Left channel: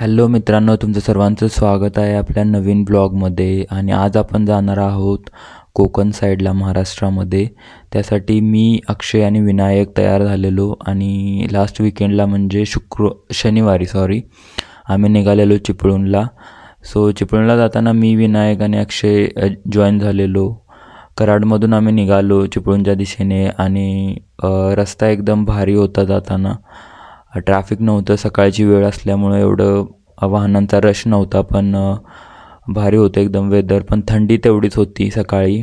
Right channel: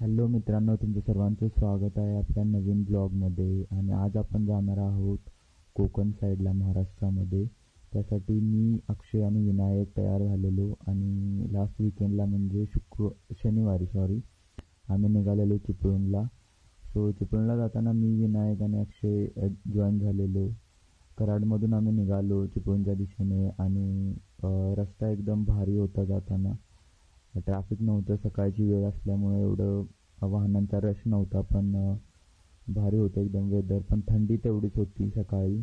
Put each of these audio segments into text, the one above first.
Hello मित्रांनो, तुमचं सर्वांचं स्वागत आहे आपल्या नवीन ब्लॉगमध्ये. आणि आज आपण जाणार आहोत कोकण साईडला महाराष्ट्रामध्ये. त्यासाठी मी, अक्षय आणि विनायक तयार झालेलो आणि लास्ट विकेंडला म्हणजे शनिवारी आम्ही निघालेलो चिपळूणला. सो चिपळूणला जाताना मी, विनायक आणि अक्षय जॉईन झालेलो. कराडमधून आम्ही निघालो चिपळूणच्या दिशेने आणि रस्ता एकदम भारी होता. जाताना ट्रॅफिक नव्हतं, सकाळची वेळ असल्यामुळं एवढं वाहनांचा रश नव्हता. पण भारी होतं एकदम वेदर, पण थंडी तेवढीच होती सकाळी.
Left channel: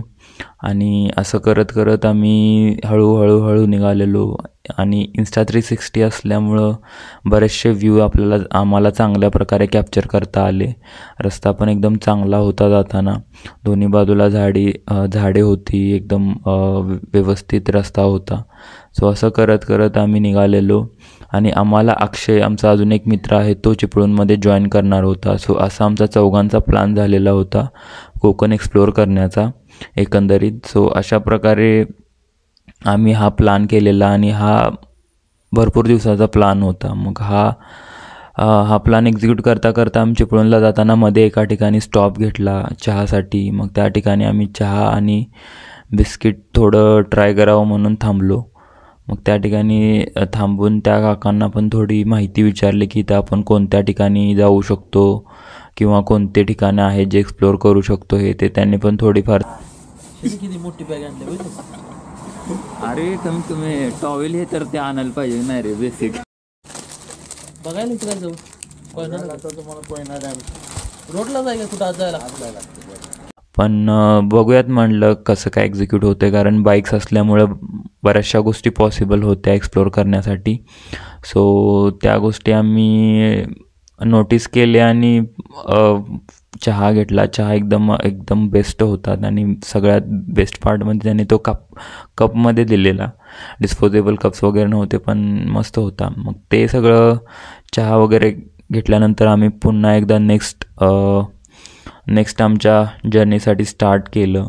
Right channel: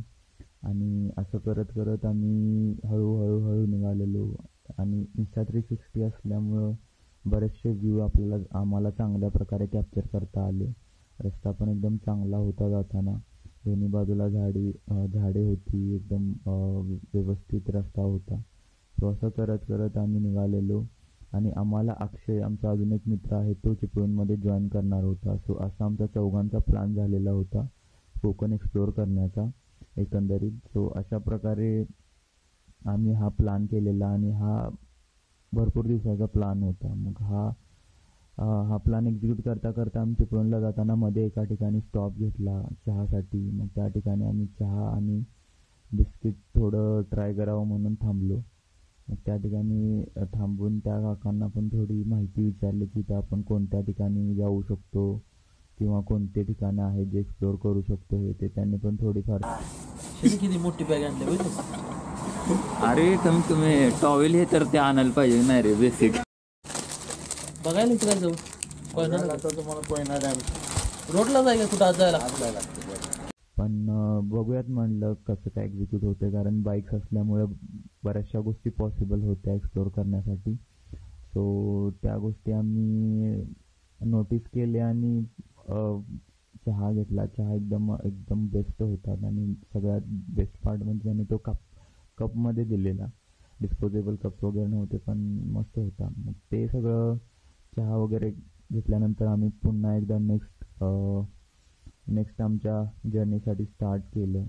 आणि असं करत करत आम्ही हळूहळू निघालेलो. आणि Insta360 असल्यामुळं बरेचसे व्ह्यू आम्हाला चांगल्या प्रकारे कॅप्चर करता आले. रस्ता पण एकदम चांगला होता. जाताना दोन्ही बाजूला झाडे होती, एकदम व्यवस्थित रस्ता होता. सो असं करत करत आम्ही निघालेलो. आणि आम्हाला अक्षय, आमचा अजून एक मित्र आहे, तो चिपळूणमध्ये जॉईन करणार होता. सो असा आमचा चौघांचा प्लॅन झालेला होता कोकण एक्सप्लोअर करण्याचा एकंदरीत. सो अशा प्रकारे आम्ही हा प्लॅन केलेला आणि हा भरपूर दिवसाचा प्लॅन होता. मग हा प्लॅन एक्झिक्यूट करता करता आम्ही चिपळूणला जाताना मध्ये एका ठिकाणी स्टॉप घेतला चहासाठी. मग त्या ठिकाणी आम्ही चहा आणि बिस्किट थोडं ट्राय करावं म्हणून थांबलो. मग त्या ठिकाणी थांबून त्या काकांना पण थोडी माहिती विचारली की इथं आपण कोणत्या ठिकाणी जाऊ शकतो किंवा कोणते ठिकाणं आहेत जे एक्सप्लोअर करू शकतो. ते त्यांनी पण थोडीफार. किती मोठी बॅग आणली. अरे तुम्ही टॉवेल हे तर ते आणायला पाहिजे नाही रे, बेसिक बघायला काय जाऊ तुम्हाला कोयना डॅम रोडला जाय का कुठं आज जायला. पण बघूयात म्हणलं कसं काय एक्झिक्यूट होतं, कारण बाईक्स असल्यामुळं बऱ्याचशा गोष्टी पॉसिबल होत्या एक्सप्लोअर करण्यासाठी. सो त्या गोष्टी आम्ही नोटीस केल्या आणि चहा घेतला. चहा एकदम बेस्ट होता. आणि सगळ्यात बेस्ट पार्ट म्हणजे त्याने तो कपमध्ये दिलेला. डिस्पोजेबल कप्स वगैरे नव्हते, पण मस्त होता. मग ते सगळं चहा वगैरे घेतल्यानंतर आम्ही पुन्हा एकदा नेक्स्ट आमच्या जर्नीसाठी स्टार्ट केलं.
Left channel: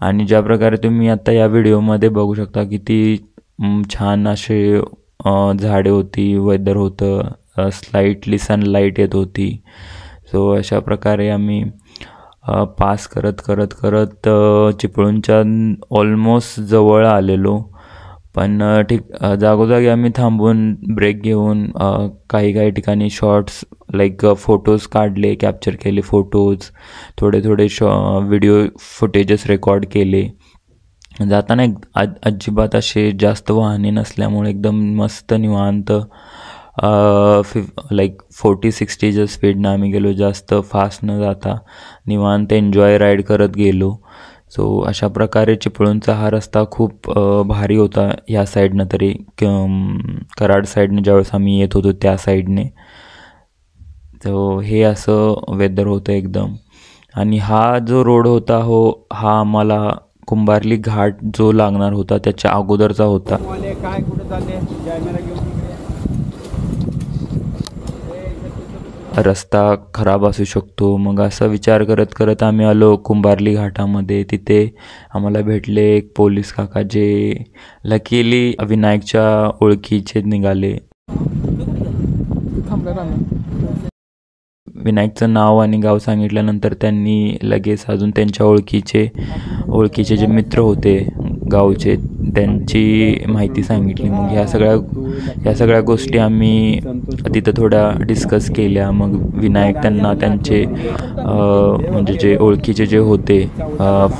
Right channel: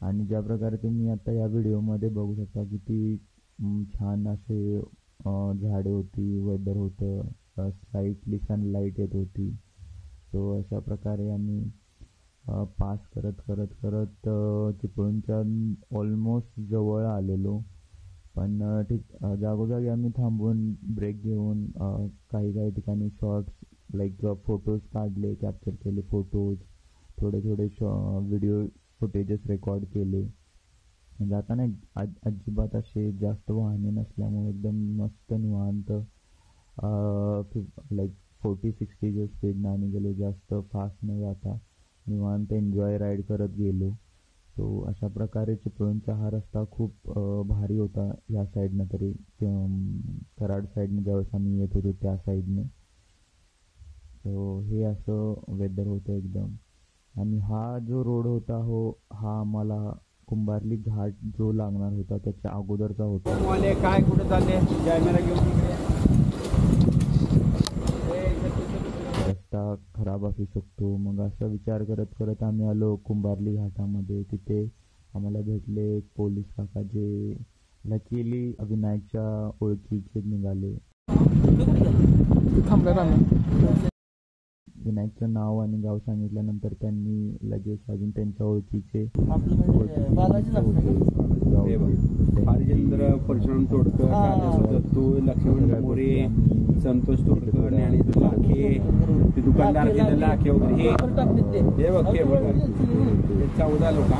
आणि ज्या प्रकारे तुम्ही आता या व्हिडिओमध्ये बघू शकता किती छान असे झाडे होती, वेदर होतं, स्लाईटली सनलाईट येत होती. सो अशा प्रकारे आम्ही पास करत करत करत चिपळूणच्या ऑलमोस्ट जवळ आलेलो. पण जागोजागी आम्ही थांबून ब्रेक घेऊन काही ठिकाणी शॉर्ट्स लाईक फोटोज काढले, कॅप्चर केले फोटोज, थोडे व्हिडिओ फुटेजेस रेकॉर्ड केले. जाताना अजिबात असे जास्त वाहने नसल्यामुळे एकदम मस्त निवांत 40-60च्या स्पीडनं आम्ही गेलो. जास्त फास्ट न जाता निवांत एन्जॉय राईड करत गेलो. सो अशा प्रकारे चिपळूणचा हा रस्ता खूप भारी होता. ह्या साईडनं तरी कराड साईडनं ज्यावेळेस आम्ही येत होतो त्या साईडने. सो हे असं वेदर होतं एकदम. आणि हा जो रोड होता हा आम्हाला कुंभारली घाट जो लागणार होता त्याच्या अगोदरचा होता. काय कुठे चालले रस्ता खराब असू शकतो. मग असा विचार करत करत आम्ही आलो कुंभारली घाटामध्ये. तिथे आम्हाला भेटले एक पोलीस काका जे लकीली विनायकच्या ओळखीचे निघाले. विनायकचं नाव आणि गाव सांगितल्यानंतर त्यांनी लगेच अजून त्यांच्या ओळखीचे जे मित्र होते गावचे त्यांची माहिती सांगितली. मग ह्या सगळ्या गोष्टी आम्ही तिथं थोड्या डिस्कस केल्या. मग विनायक त्यांना त्यांचे म्हणजे जे ओळखीचे जे होते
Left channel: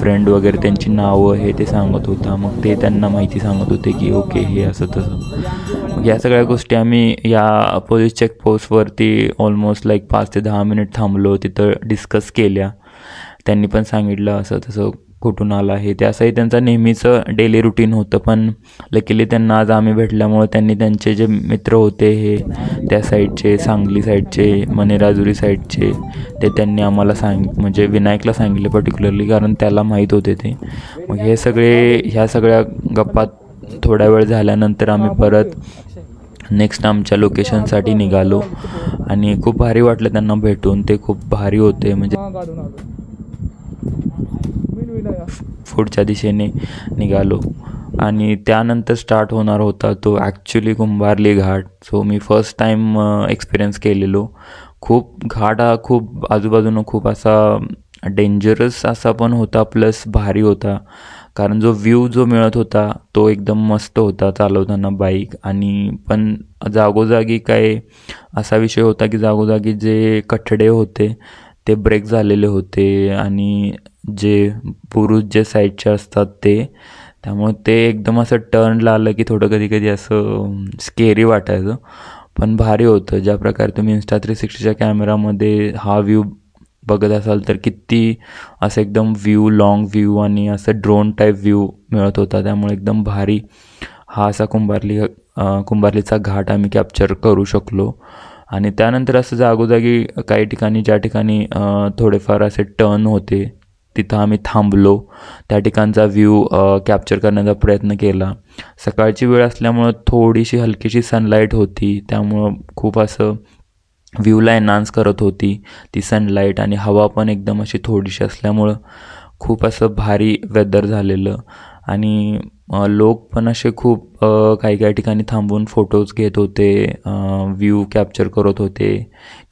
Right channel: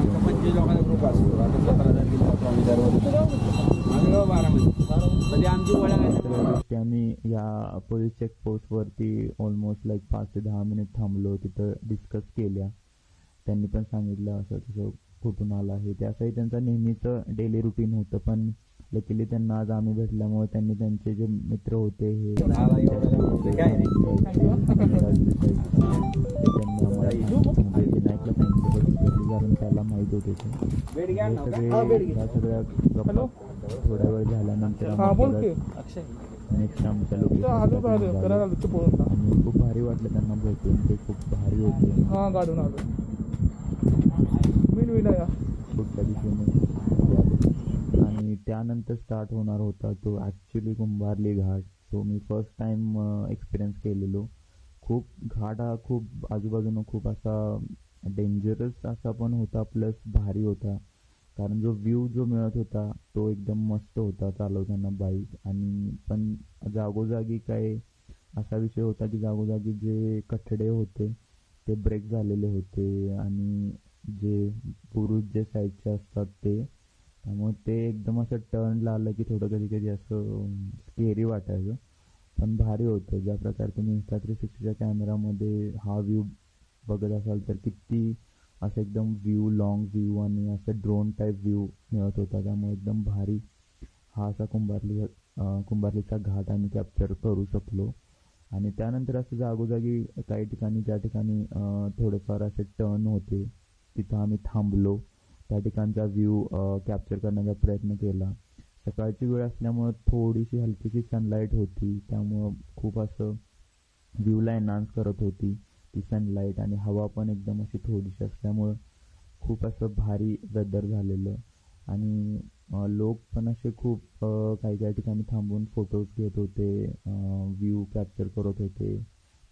फ्रेंड वगैरे त्यांची नावं ते सांगत होता. मग ते त्यांना माहिती सांगत होते की ओके हे असं तसं. या सगळ्या गोष्टी आम्ही या पोलीस चेकपोस्टवरती ऑलमोस्ट 5 ते 10 मिनिट थांबलो, तिथं डिस्कस केल्या. त्यांनी पण सांगितलं असं तसं कुठून आला हे ते. असंही त्यांचं नेहमीचं डेली रुटीन होतं. पण लकीली त्यांना आज आम्ही भेटल्यामुळे त्यांनी त्यांचे जे मित्र होते हे त्या साईडचे, सांगली साईडचे, मनेराजुरी साईडचे, ते त्यांनी आम्हाला म्हणजे विनायकला सांगितले पर्टिक्युलरली, कारण त्याला माहीत होते ते. मग ह्या सगळ्या गप्पा थोड्या वेळ झाल्यानंतर आम्ही परत नेक्स्ट आमच्या लोकेशनसाठी निघालो. आणि खूप भारी वाटलं त्यांना भेटून. ते खूप भारी होते. म्हणजे पुढच्या दिशेने निघालो. आणि त्यानंतर स्टार्ट होणार होता तो ॲक्च्युली कुंभारली घाट. सो मी फर्स्ट टाईम एक्सपिरियन्स केलेलो खूप घाट हा खूप आजूबाजूनं खूप असा डेंजरस असा पण होता प्लस भारी होता. कारण जो व्ह्यू जो मिळत होता तो एकदम मस्त होता चालवताना बाईक. आणि पण जागोजागी काय असा विषय होता की जागोजागी जे कठडे होते ते ब्रेक झालेले होते आणि जे पुरुष जे साईडचे असतात ते, त्यामुळे ते एकदम असं टर्नला आलं की थोडं कधी कधी असं स्केरी वाटायचं. पण भारी होतं. ज्या प्रकारे तुम्ही Insta360च्या कॅमेरामध्ये हा व्ह्यू बघत असाल तर किती असं एकदम व्ह्यू लाँग व्ह्यू आणि असं ड्रोन टाईप व्ह्यू मिळत होता. त्यामुळे एकदम भारी हा असा कुंभारलीचा घाट आम्ही कॅप्चर करू शकलो. आणि त्यानंतर असं जागोजागी काही ठिकाणी ज्या ठिकाणी थोडेफार असे टर्न होते तिथं आम्ही थांबलो. त्या ठिकाणचा व्ह्यू कॅप्चर करण्याचा प्रयत्न केला. सकाळची वेळ असल्यामुळं थोडीशी हलकीशी सनलाईट होती, त्यामुळं खूप असं व्ह्यूला एन्हान्स करत होती ती सनलाईट. आणि हवा पण एकदम अशी थोडीशी असल्यामुळं खूप असं भारी वेदर झालेलं. आणि लोक पण असे खूप काही काही ठिकाणी थांबून फोटोज घेत होते, व्ह्यू कॅप्चर करत होते.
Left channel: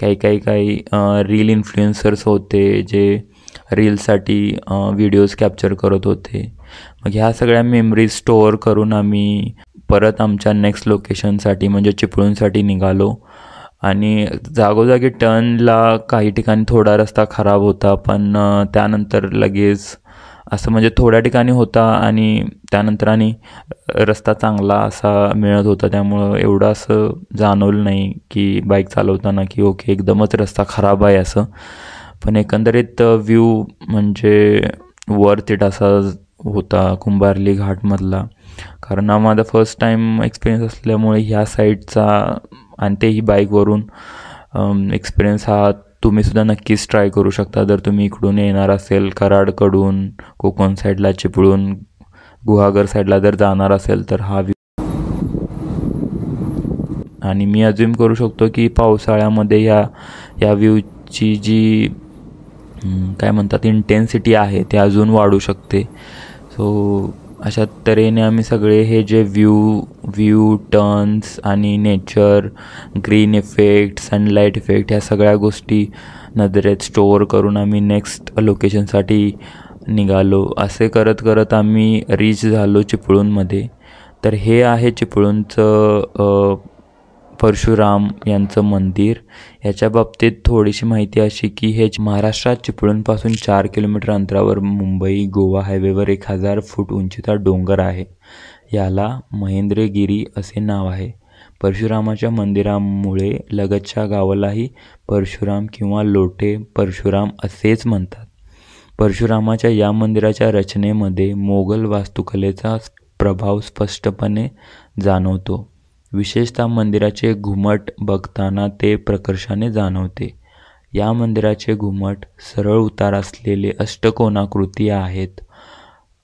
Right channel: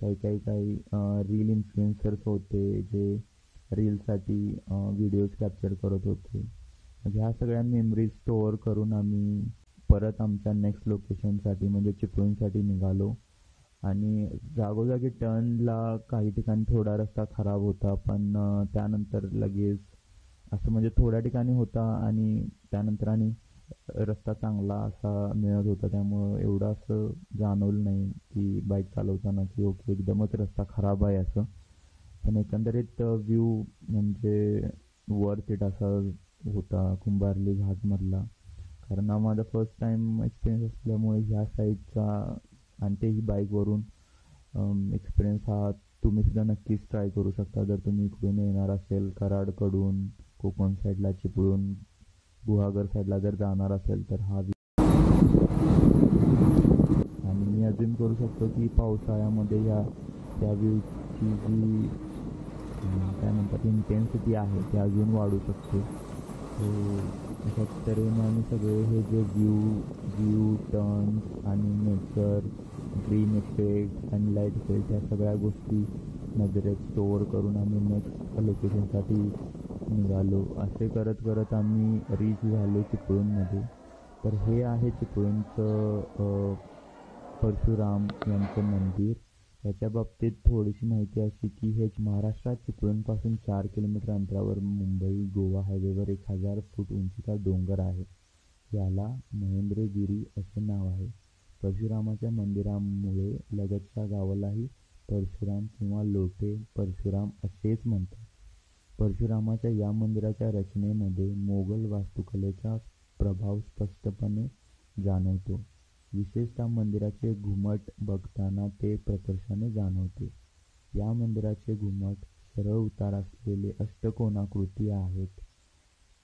काही रील इन्फ्लुएन्सर्स होते जे रीलसाठी व्हिडिओज कॅप्चर करत होते. मग ह्या सगळ्या मेमरीज स्टोअर करून आम्ही परत आमच्या नेक्स्ट लोकेशनसाठी म्हणजे चिपळूणसाठी निघालो. आणि जागोजागी टर्नला काही ठिकाणी थोडा रस्ता खराब होता, पण त्यानंतर लगेच असं म्हणजे थोड्या ठिकाणी होता आणि त्यानंतर आणि रस्ता चांगला असा मिळत होता. त्यामुळं एवढं असं जाणवलं नाही की बाईक चालवताना की ओके एकदमच रस्ता खराब आहे असं. पण एकंदरीत व्ह्यू म्हणजे वर्थ इट असा होता कुंभारली घाटमधला. कारण हा माझा फर्स्ट टाईम एक्सपिरियन्स असल्यामुळे ह्या साईडचा आणि तेही बाईकवरून एक्सपिरियन्स हा तुम्हीसुद्धा नक्कीच ट्राय करू शकता. जर तुम्ही इकडून येणार असेल कराडकडून कोकण साईडला चिपळूण गुहागर साईडला जर जाणार असेल तर हा आणि मी अज्युम करू शकतो की पावसाळ्यामध्ये या व्ह्यूची जी काय म्हणतात इंटेन्सिटी आहे ते अजून वाढू शकते. सो अशा तऱ्हेने आम्ही सगळे हे जे व्ह्यू टर्न्स आणि nature green effect sunlight effect ह्या सगळ्या गोष्टी नजरेत स्टोअर करून आम्ही नेक्स्ट लोकेशनसाठी निघालो. असे करत करत आम्ही रीच झालो चिपळूणमध्ये. तर हे आहे चिपळूणचं परशुराम यांचं मंदिर. ह्याच्या बाबतीत थोडीशी माहिती अशी की हे महाराष्ट्रात चिपळूणपासून 4 किलोमीटर अंतरावर मुंबई गोवा हायवेवर 1000 फूट उंचीचा डोंगर आहे. याला महेंद्रगिरी असे नाव आहे. परशुरामाच्या मंदिरामुळे लगतच्या गावालाही परशुराम किंवा लोटे परशुराम असेच म्हणतात. परशुरामाच्या या मंदिराच्या रचनेमध्ये मोगल वास्तुकलेचा प्रभाव स्पष्टपणे जाणवतो. विशेषतः मंदिराचे घुमट बघताना ते प्रकर्षाने जाणवते. या मंदिराचे घुमट सरळ उतार असलेले अष्टकोनाकृती आहेत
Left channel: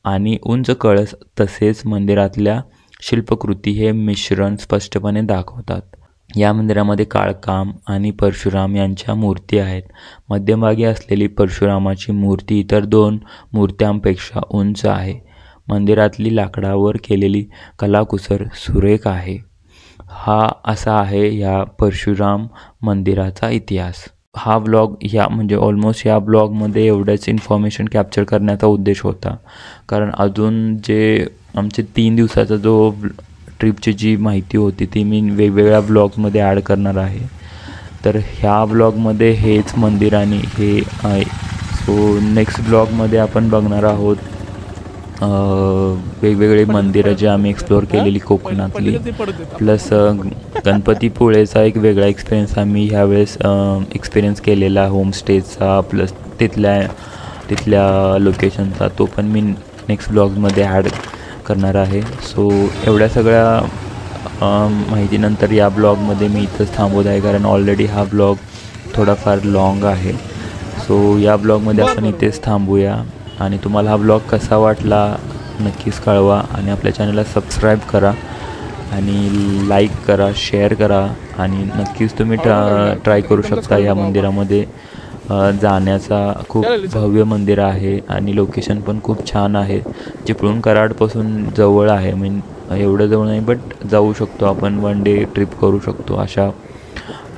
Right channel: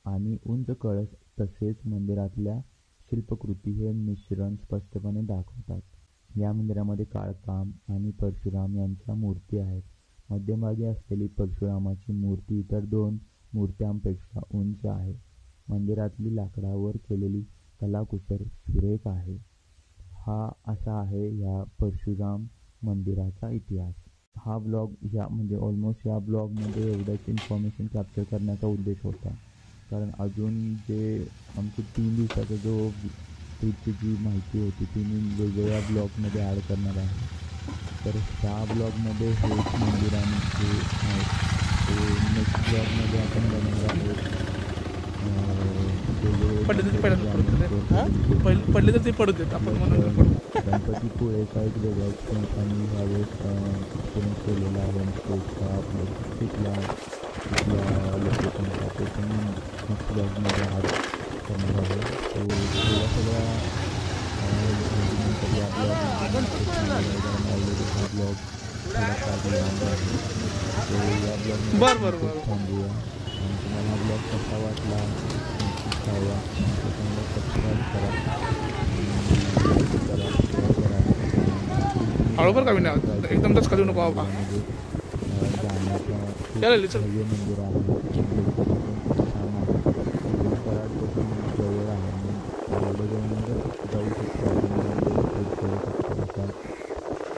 आणि उंच कळस तसेच मंदिरातल्या शिल्पकृती हे मिश्रण स्पष्टपणे दाखवतात. या मंदिरामध्ये काळकाम आणि परशुराम यांच्या मूर्ती आहेत. मध्यभागी असलेली परशुरामाची मूर्ती इतर 2 मूर्त्यांपेक्षा उंच आहे. मंदिरातली लाकडावर केलेली कलाकुसर सुरेख आहे. हा असा आहे या परशुराम मंदिराचा इतिहास. हा ब्लॉग म्हणजे ऑलमोस्ट या ब्लॉगमध्ये एवढंच इन्फॉर्मेशन कॅप्चर करण्याचा उद्देश होता. कारण अजून जे आमचे 3 दिवसाचा जो ट्रिपची जी माहिती होती ती मी वेगवेगळ्या ब्लॉग्समध्ये ॲड करणार आहे. तर ह्या ब्लॉगमध्ये हेच मंदिर आणि हे आहे. सो नेक्स्ट ब्लॉगमध्ये आपण बघणार आहोत वेगवेगळे मंदिरं जे आम्ही एक्सप्लोअर केलेली कोकणातली. प्लस गणपतीपुळेचा एक वेगळा एक्सपिरियन्स आम्ही ह्यावेळेस एक्सपिरियन्स केलेला होमस्टेचा प्लस तिथल्या लोकेशनचा, तो पण मी नेक्स्ट ब्लॉगमध्ये ॲड करणार आहे. सो एवढ्या सगळ्या माहितीनंतर या ब्लॉगमध्ये मी इथंच थांबवत आहे कारण ऑलरेडी हा ब्लॉग थोडाफार लाँग आहे. सो या ब्लॉगमध्ये आपण इथेच थांबूया. आणि तुम्हाला हा ब्लॉग कसा वाटला नक्कीच कळवा आणि आपल्या चॅनलला सबस्क्राईब करा आणि लाईक करा, शेअर करा. आणि नक्कीच तुम्ही ट्राय करू शकता या मंदिरामध्ये जाण्याचा. खूप भव्य मंदिर आहे आणि लोकेशन पण खूप छान आहे. चिपळूण कराडपासून जवळ आहे. एवढं जवळ नाही बट जाऊ शकतो आपण, 1 डे ट्रिप करू शकतो. अशा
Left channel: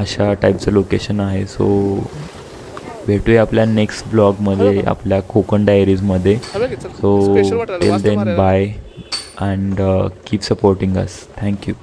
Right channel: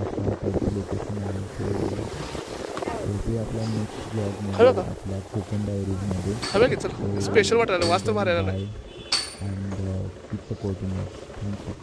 अशा टाईपचं लोकेशन आहे. सो भेटूया आपल्या नेक्स्ट ब्लॉगमध्ये, आपल्या कोकण डायरीजमध्ये. So till then bye and keep supporting us. Thank you.